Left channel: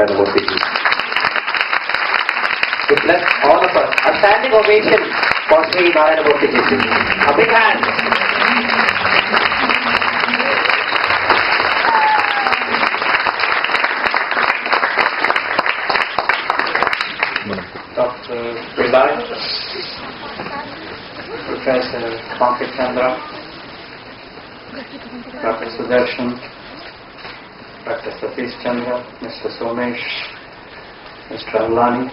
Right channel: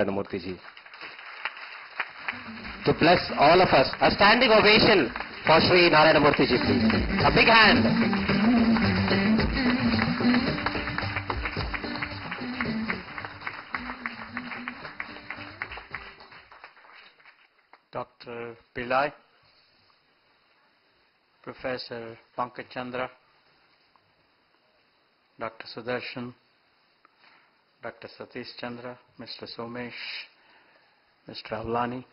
Narayana Murthy. To bless all of us. A standing ovation for Shri Narayana Murthy. A big hand. Dr. Pillai, Professor Pankaj Chandra, Dr. Sudarshan, Dr. Satish Chandra, Mr. Sumesh, Mr. Aunali,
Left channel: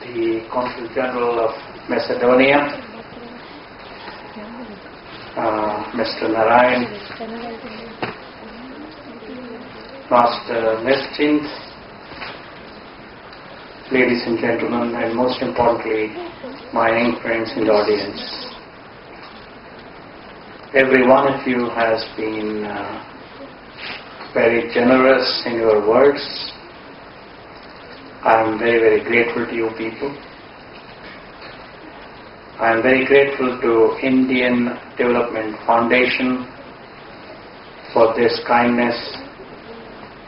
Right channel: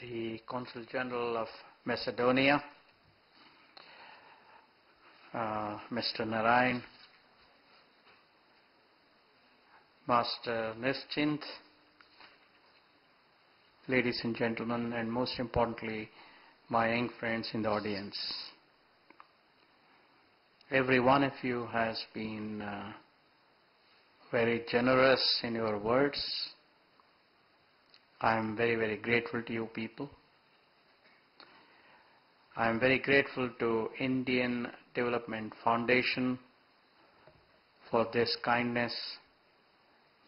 the Consul General of Macedonia, Mr. Narayan, Master Nischint, ladies and gentlemen, and most importantly, my young friends in the audience. Every one of you has been very generous in your words. I am very, very grateful to you people. I am very grateful to Indian Development Foundation for this kindness,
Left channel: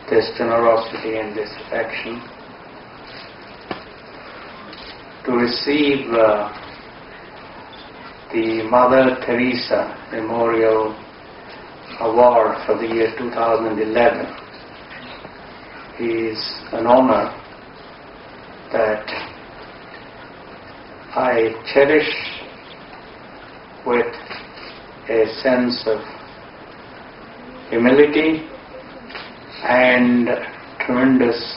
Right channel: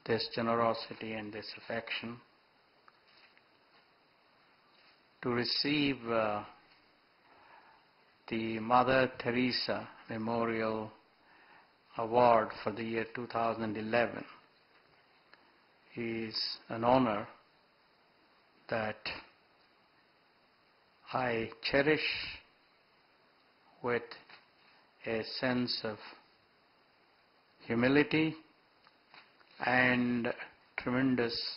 this generosity and this affection. To receive the Mother Teresa Memorial Award for the year 2011 is an honor that I cherish with a sense of humility and tremendous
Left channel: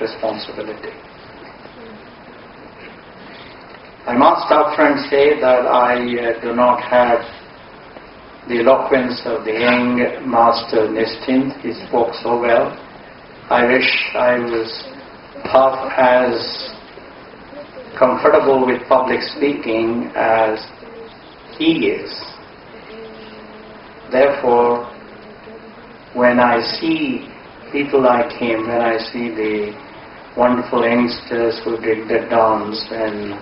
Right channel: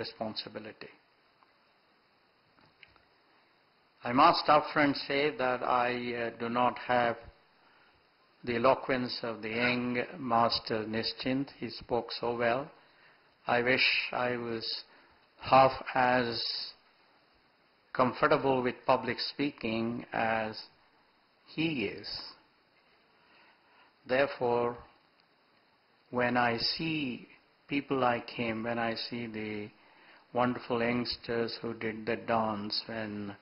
responsibility. I must upfront say that I do not have the eloquence of the young Master Nischint. He spoke so well. I wish I was half as comfortable with public speaking as he is. Therefore, when I see people like him, when I see the wonderful youngsters who did the dance, and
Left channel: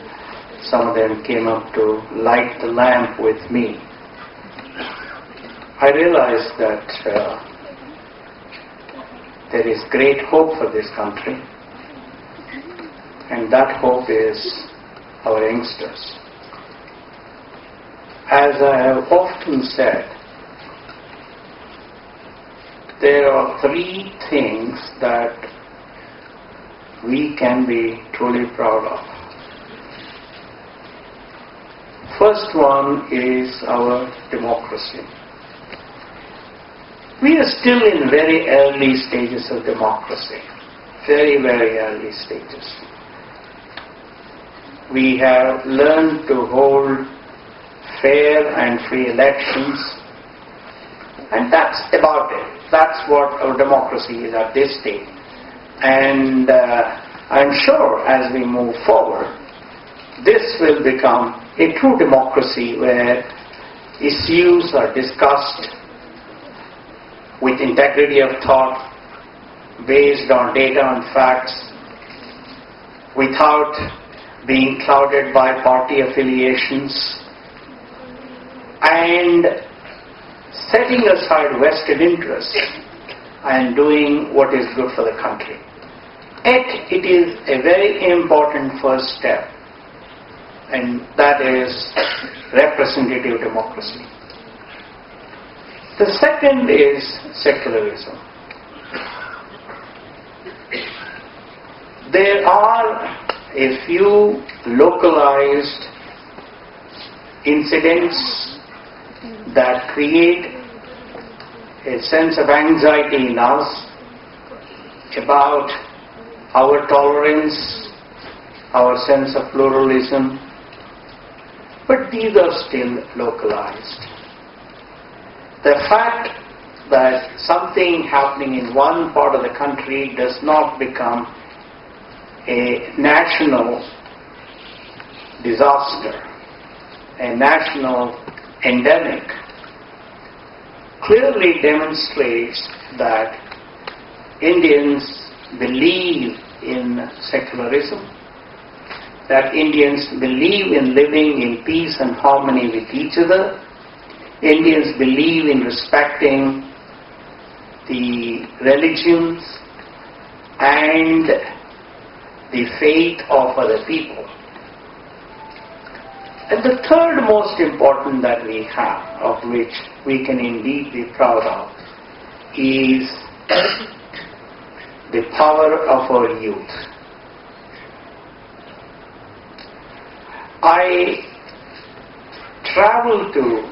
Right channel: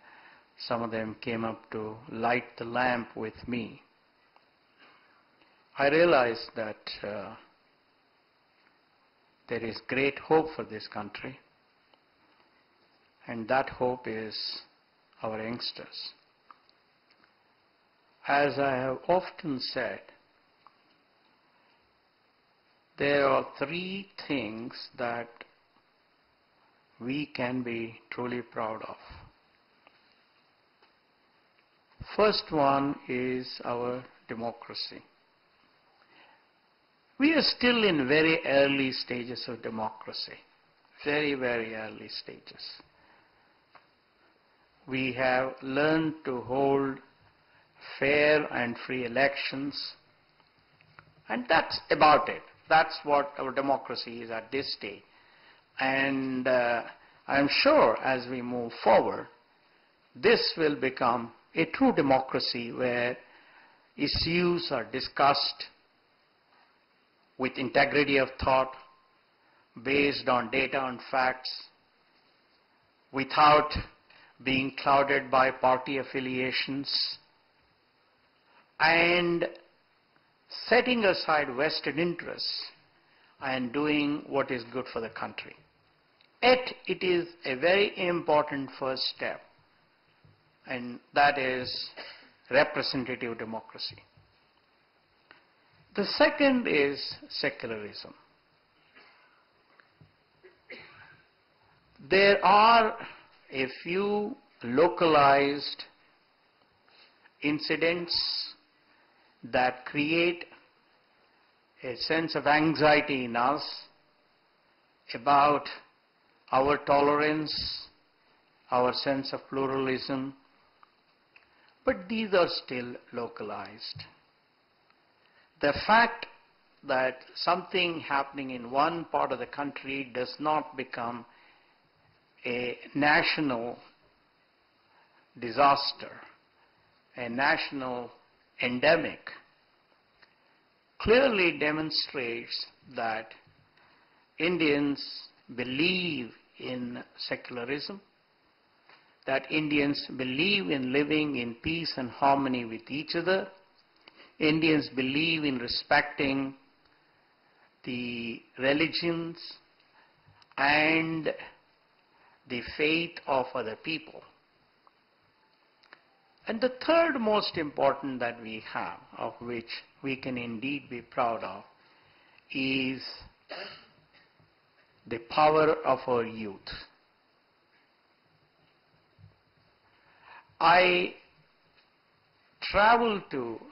some of them came up to light the lamp with me, I realized that there is great hope for this country, and that hope is our youngsters. As I have often said, there are three things that we can be truly proud of. First one is our democracy. We are still in very early stages of democracy. Very, very early stages. We have learned to hold fair and free elections, and that's about it. That's what our democracy is at this stage. And I'm sure as we move forward, this will become a true democracy where issues are discussed with integrity of thought, based on data and facts, without being clouded by party affiliations, and setting aside vested interests and doing what is good for the country. Yet it is a very important first step, and that is representative democracy. The second is secularism. There are a few localized incidents that create a sense of anxiety in us about our tolerance, our sense of pluralism, but these are still localized. The fact that something happening in one part of the country does not become a national disaster, a national endemic, clearly demonstrates that Indians believe in secularism, that Indians believe in living in peace and harmony with each other. Indians believe in respecting the religions and the faith of other people. And the third most important that we have, of which we can indeed be proud of, is the power of our youth. I travel to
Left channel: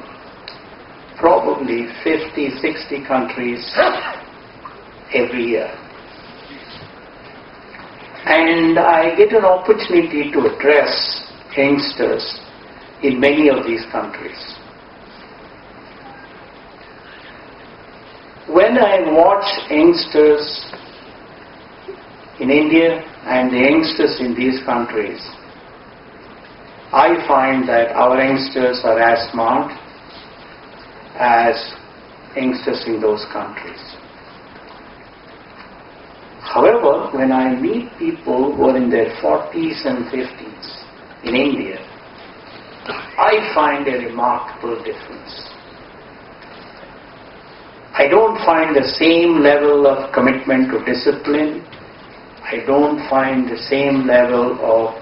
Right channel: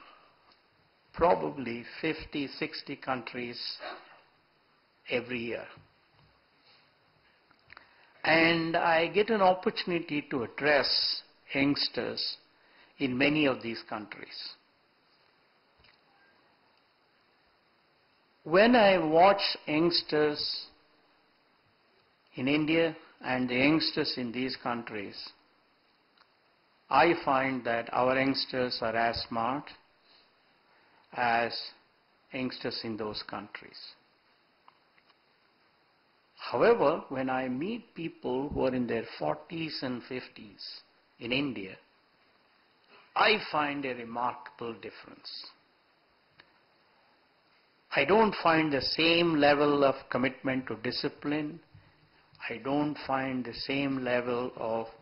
probably 50, 60 countries every year. And I get an opportunity to address youngsters in many of these countries. When I watch youngsters in India and the youngsters in these countries, I find that our youngsters are as smart as youngsters in those countries. However, when I meet people who are in their 40s and 50s in India, I find a remarkable difference. I don't find the same level of commitment to discipline. I don't find the same level of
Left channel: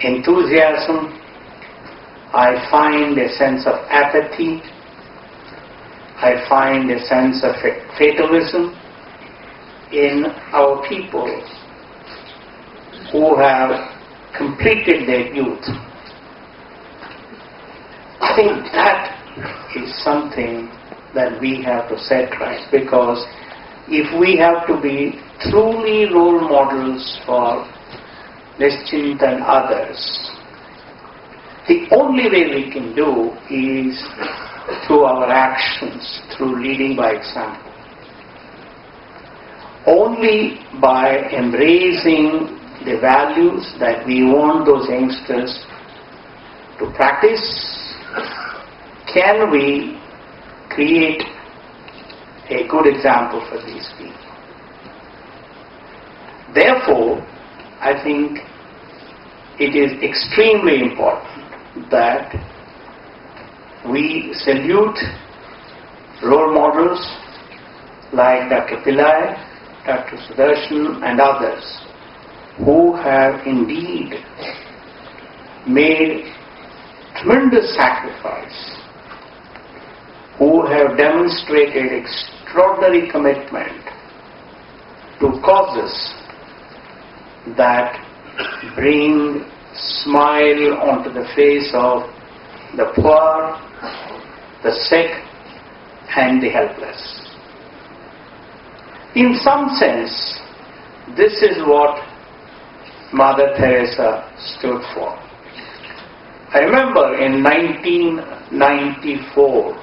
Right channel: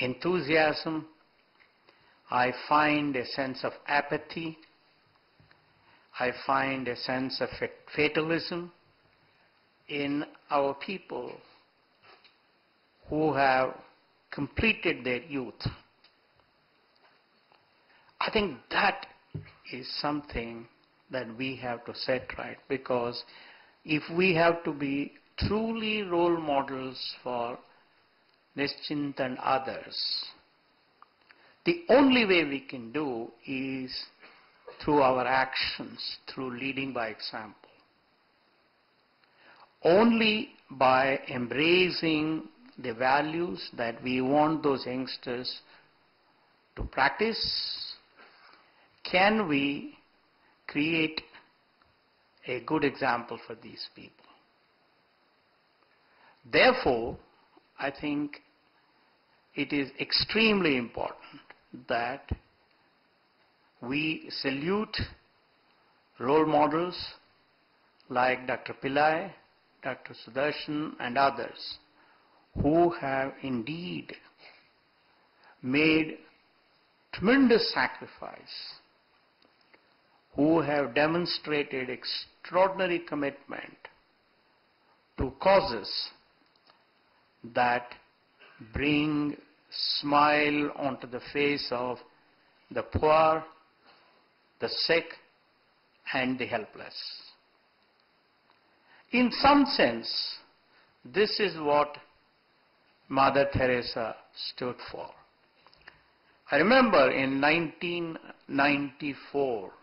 enthusiasm. I find a sense of apathy. I find a sense of fatalism in our people who have completed their youth. I think that is something that we have to set right, because if we have to be truly role models for Nischint and others, the only way we can do is through our actions, through leading by example. Only by embracing the values that we want those youngsters to practice can we create a good example for these people. Therefore, I think it is extremely important that we salute role models like Dr. Pillai, Dr. Sudarshan and others who have indeed made tremendous sacrifice, who have demonstrated extraordinary commitment to causes that bring smile onto the face of the poor, the sick, and the helpless. In some sense, this is what Mother Teresa stood for. I remember in 1994,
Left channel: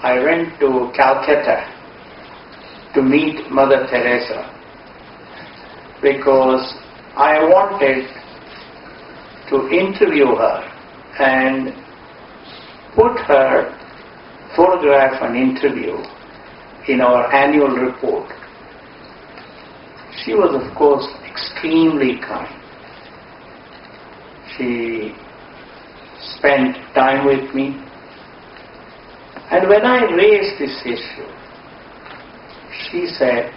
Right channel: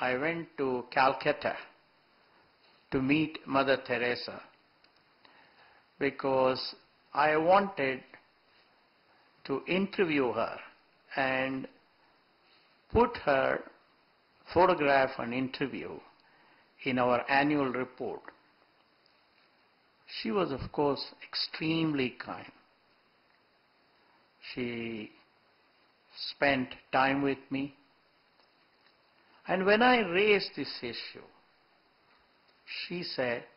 I went to Calcutta to meet Mother Teresa because I wanted to interview her and put her photograph and interview in our annual report. She was, of course, extremely kind. She spent time with me. And when I raised this issue, she said,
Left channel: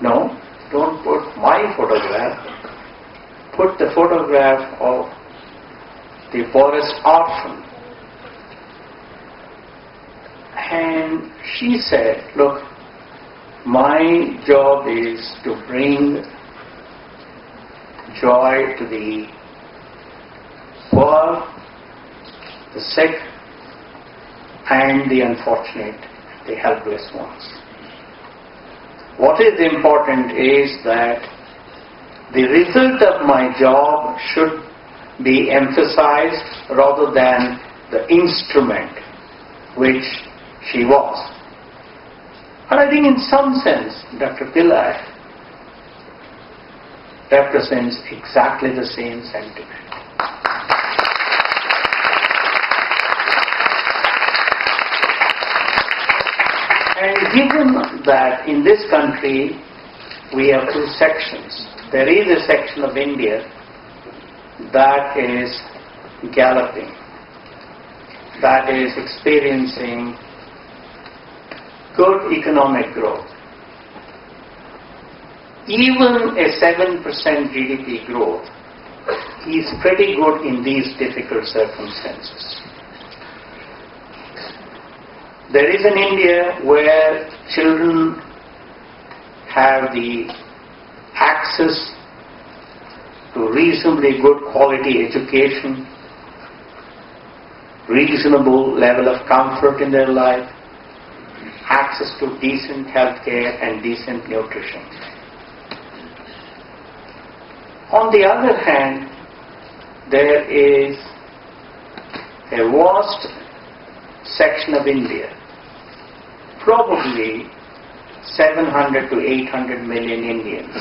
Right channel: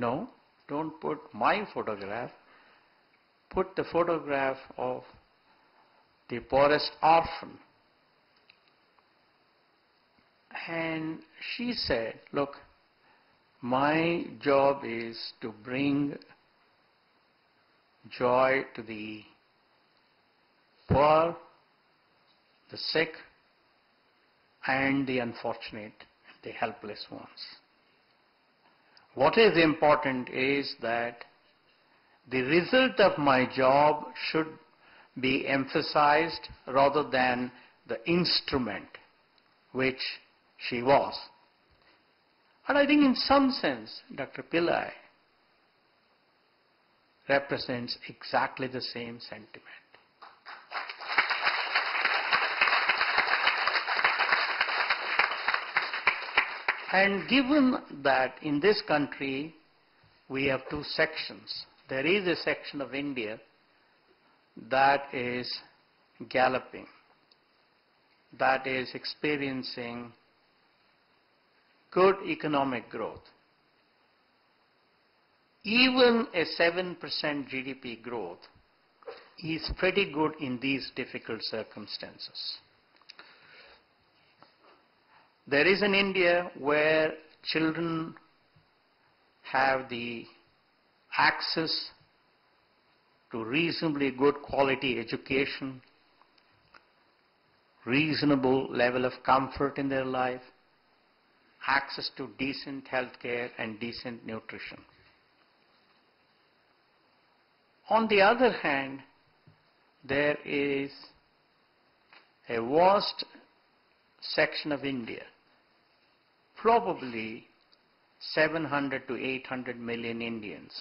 "No, don't put my photograph. Put the photograph of the poorest orphan." And she said, "Look, my job is to bring joy to the poor, the sick, and the unfortunate, the helpless ones. What is important is that the result of my job should be emphasized rather than the instrument which she was." And I think in some sense, Dr. Pillai represents exactly the same sentiment. And given that in this country we have two sections, there is a section of India that is galloping, that is experiencing good economic growth, even a 7% GDP growth is pretty good in these difficult circumstances. There is an India where children have the access to reasonably good quality education, reasonable level of comfort in their life, access to decent health care and decent nutrition. On the other hand, there is a vast section of India, probably 700 to 800 million Indians,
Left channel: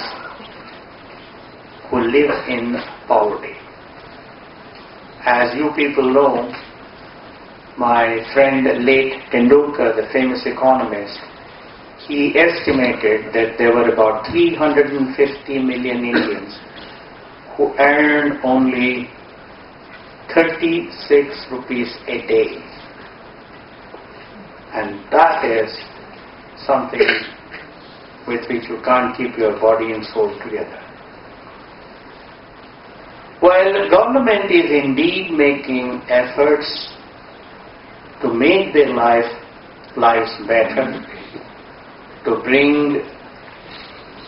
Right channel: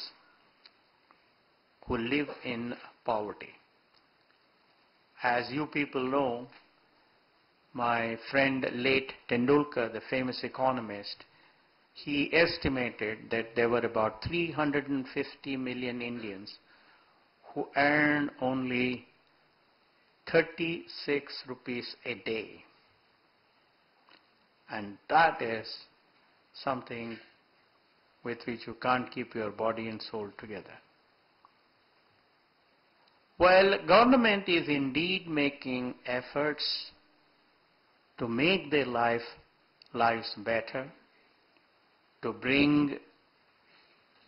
who live in poverty. As you people know, my friend late Tendulkar, the famous economist, he estimated that there were about 350 million Indians who earned only 36 rupees a day. And that is something with which you can't keep your body and soul together. Well, government is indeed making efforts to make their lives better, to bring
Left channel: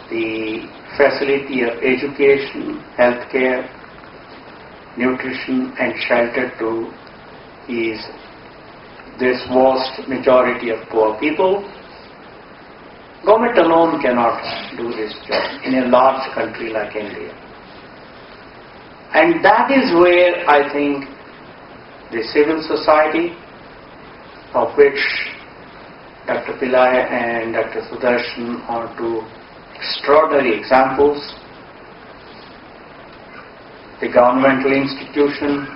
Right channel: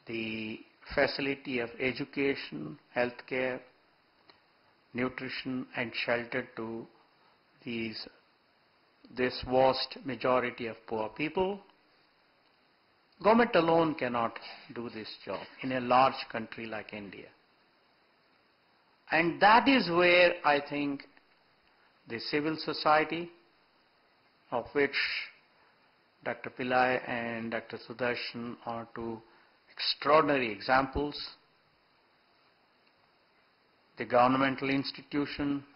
the facility of education, healthcare, nutrition and shelter to this vast majority of poor people. Government alone cannot do this job in a large country like India. And that is where I think the civil society, of which Dr. Pillai and Dr. Sudarshan are two extraordinary examples, the governmental institutions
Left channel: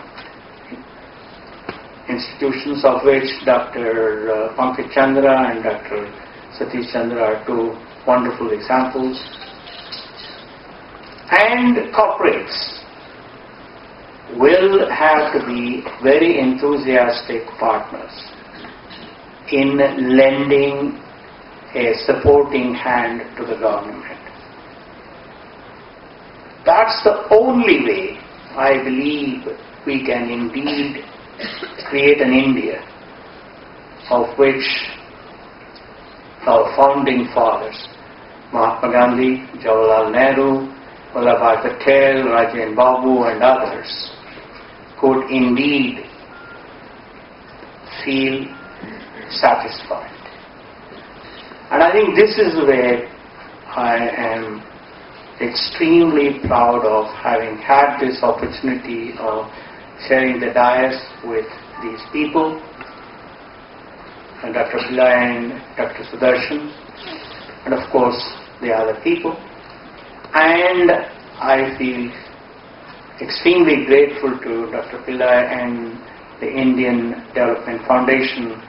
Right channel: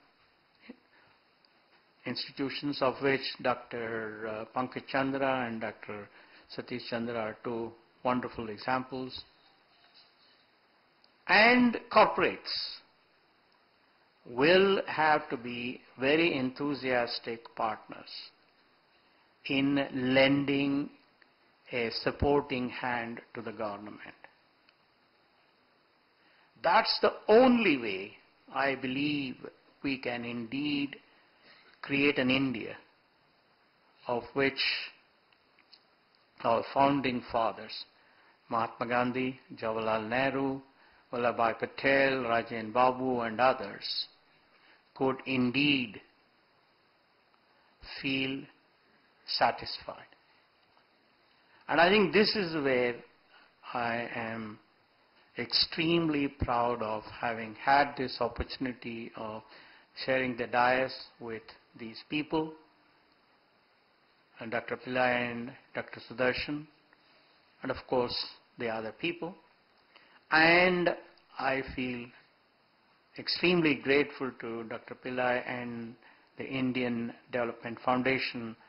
of which Dr. Pankaj Chandra and Dr. Satish Chandra are two wonderful examples, and corporates will have to be very enthusiastic partners in lending a supporting hand to the government. That's the only way I believe we can indeed create an India of which our founding fathers, Mahatma Gandhi, Jawaharlal Nehru, Vallabhbhai Patel, Rajendra Babu and others could indeed feel satisfied. And I think this is where I am extremely proud of having had this opportunity of sharing the dais with these people, and Dr. Pillai and Dr. Sudarshan, and of course the other people. And I feel extremely grateful to Dr. Pillai and the Indian Development Foundation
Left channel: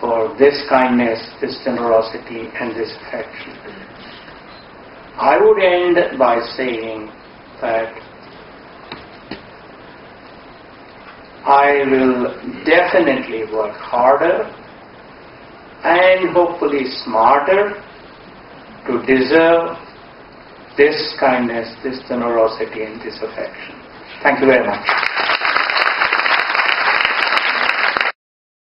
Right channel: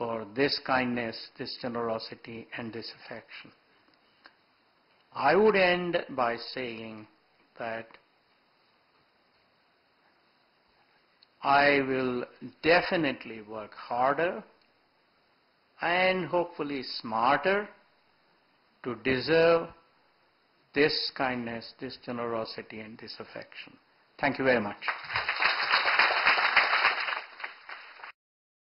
for this kindness, this generosity and this affection. I would end by saying that I will definitely work harder and hopefully smarter to deserve this kindness, this generosity and this affection. Thank you very much.